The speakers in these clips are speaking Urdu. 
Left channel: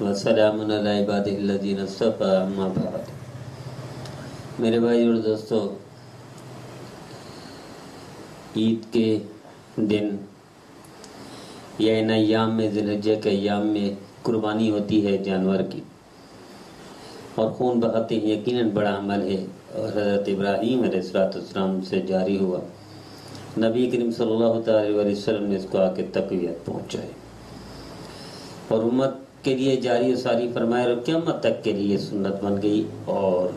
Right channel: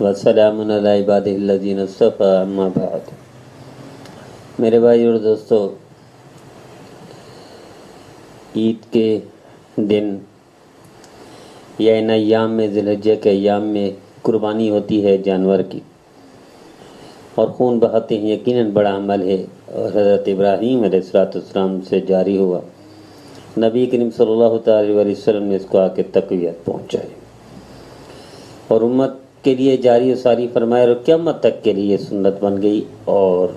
وسلام علی عبادہ الذین اصطفی اما بعد۔ میرے بھائی اور دوستو، عید کے دن یا ان ایام میں، ذی الحجہ کے ایام میں قربانی ہوتی ہے جانور کی، اور خون بہاتے ہیں، یقیناً بڑا عمل ہے، اور حضرت ابراہیم علیہ السلام سے جاری ہوا۔ نبی کریم صلی اللہ تعالی علیہ وسلم نے اس کو آ کے تقویت پہنچائی اور امت کے لیے جاری و ساری فرمایا، اور قیامت تک کے لیے سنت بن گئی، اور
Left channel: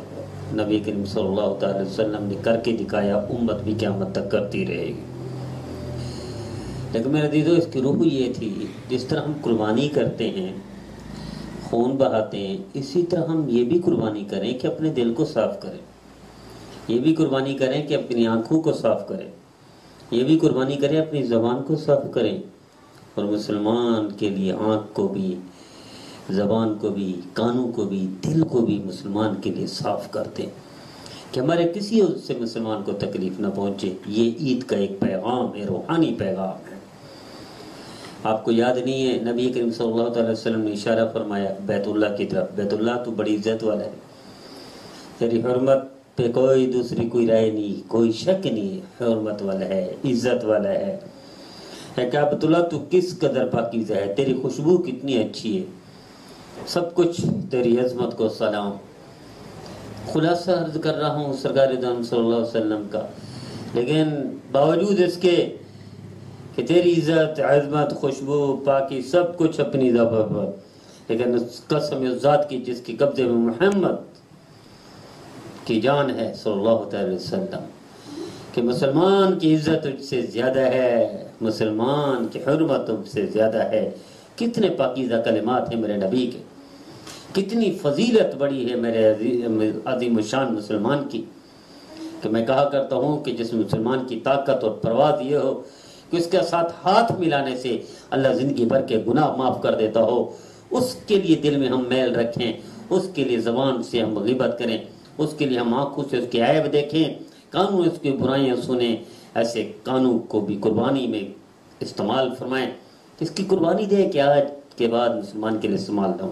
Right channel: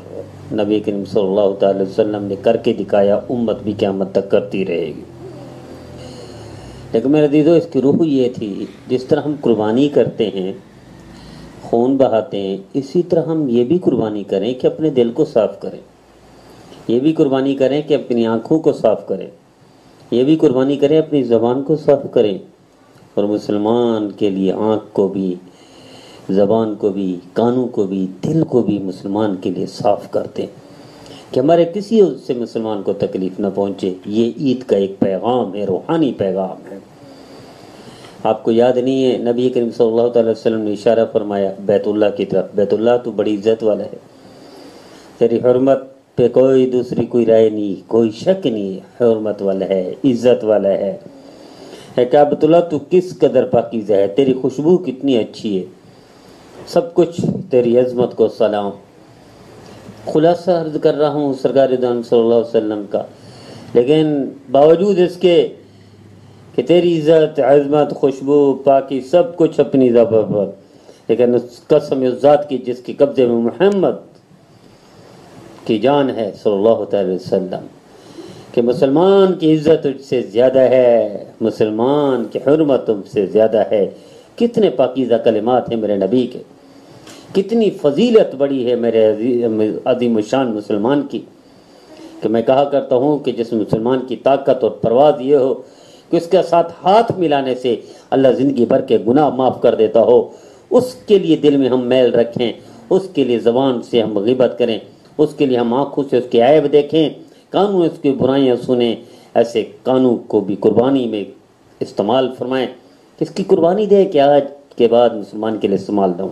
نبی کریم صلی اللہ تعالی وسلم نے کر کے دکھایا، امت بھی قیامت تک کرتی رہے گی۔ لیکن میرے عزیزو، اس کی روح یہ تھی، جس طرح ہم قربانی کرتے ہیں، خون بہاتے ہیں، اسی طرح ہم یہ بھی قربانی کریں کہ اپنے دل کو صاف کریں، یہ بھی قربانی کریں کہ اپنی آنکھوں کو صاف کریں، یہ بھی قربانی کریں اپنی زبان کو صاف کریں، اور مسلمان کے لیے آنکھ کو بھی، زبان کو بھی، کانوں کو بھی، دل کو بھی مسلمان کے لیے صاف کرتے ہیں کہ ہمارے کسی سے مسلمان کو تکلیف نہ پہنچے۔ یہ عید کا ایک پیغام ہے، روحانی پیغام ہے۔ آپ کو یاد نہیں ہے، نبی کریم صلی اللہ علیہ وسلم نے اشارہ فرمایا بیت اللہ کی طرف، بیت اللہ تو بڑی عزت والا ہے، تیری حرمت پہ کوئی دوسری کوئی رائے نہیں، کوئی شک نہیں ہے، حرمت والا ہے، عزت والا ہے۔ بیت اللہ تو کس قدر پاکیزہ ہے، تیری خوشبو کتنی اچھی ہے، سب کچھ تیری عظمت کو سلام۔ خلاصہ عرض کر رہا ہوں سرکار دو عالم صلی اللہ علیہ وسلم کا، لیکن باوجود اس کے کہ تیری عزت، عظمت، خوشبو، پاکی، سب کچھ اپنی ذبح پر، لیکن اس قسم اس ذات کی جس کے قبضے میں محمد کی جان ہے صلی اللہ تعالی وسلم، کہ مسلمان کی عزت تجھ سے زیادہ ہے، مسلمان کی حرمت تم سے زیادہ ہے۔ کتنے پاکیزہ کلمات ہیں میرے نبی کے، کتنی فضیلت بڑی ہے میرے عظیم الشان مسلمان کی، کہ میں کہا کرتا ہوں کہ جس مسلمان کی طاقت اور پرواز یہ ہو کہ اس کے ساتھ ہاتھ ملانے سے اللہ زندگی بھر کے گناہ معاف کر دیتا ہو، اس کے لیے دل میں ہم میل رکھیں، اس کے لیے زبان سے ہم غیبت کریں، اس کے لیے ہم آنکھوں سے اس کے عیب دیکھیں، کانوں اس کی برائیاں سنیں، ایسے کانوں کو بھی قربانی میں استعمال فرمائیں۔ اس کی قربانی دے کہ آج کے بعد مسلمان کے لیے استعمال دوں،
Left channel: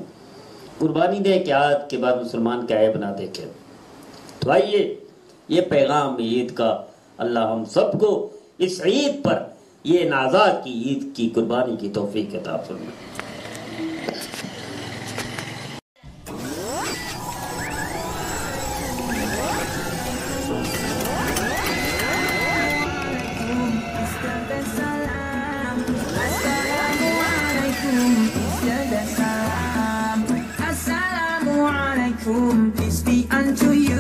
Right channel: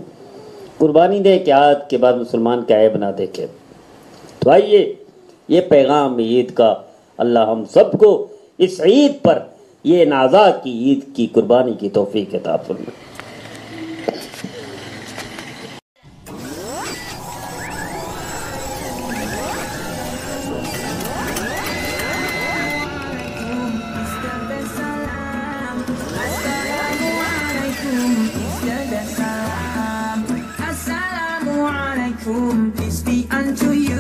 قربانی دے کہ آج کے بعد مسلمان کا عیب نہ دیکھے۔ تو آئیے، یہ پیغام عید کا اللہ ہم سب کو اس عید پر، یہ نازا کی عید کی قربانی کی توفیق عطا فرمائے۔ Assalamu alaikum, peace be unto you.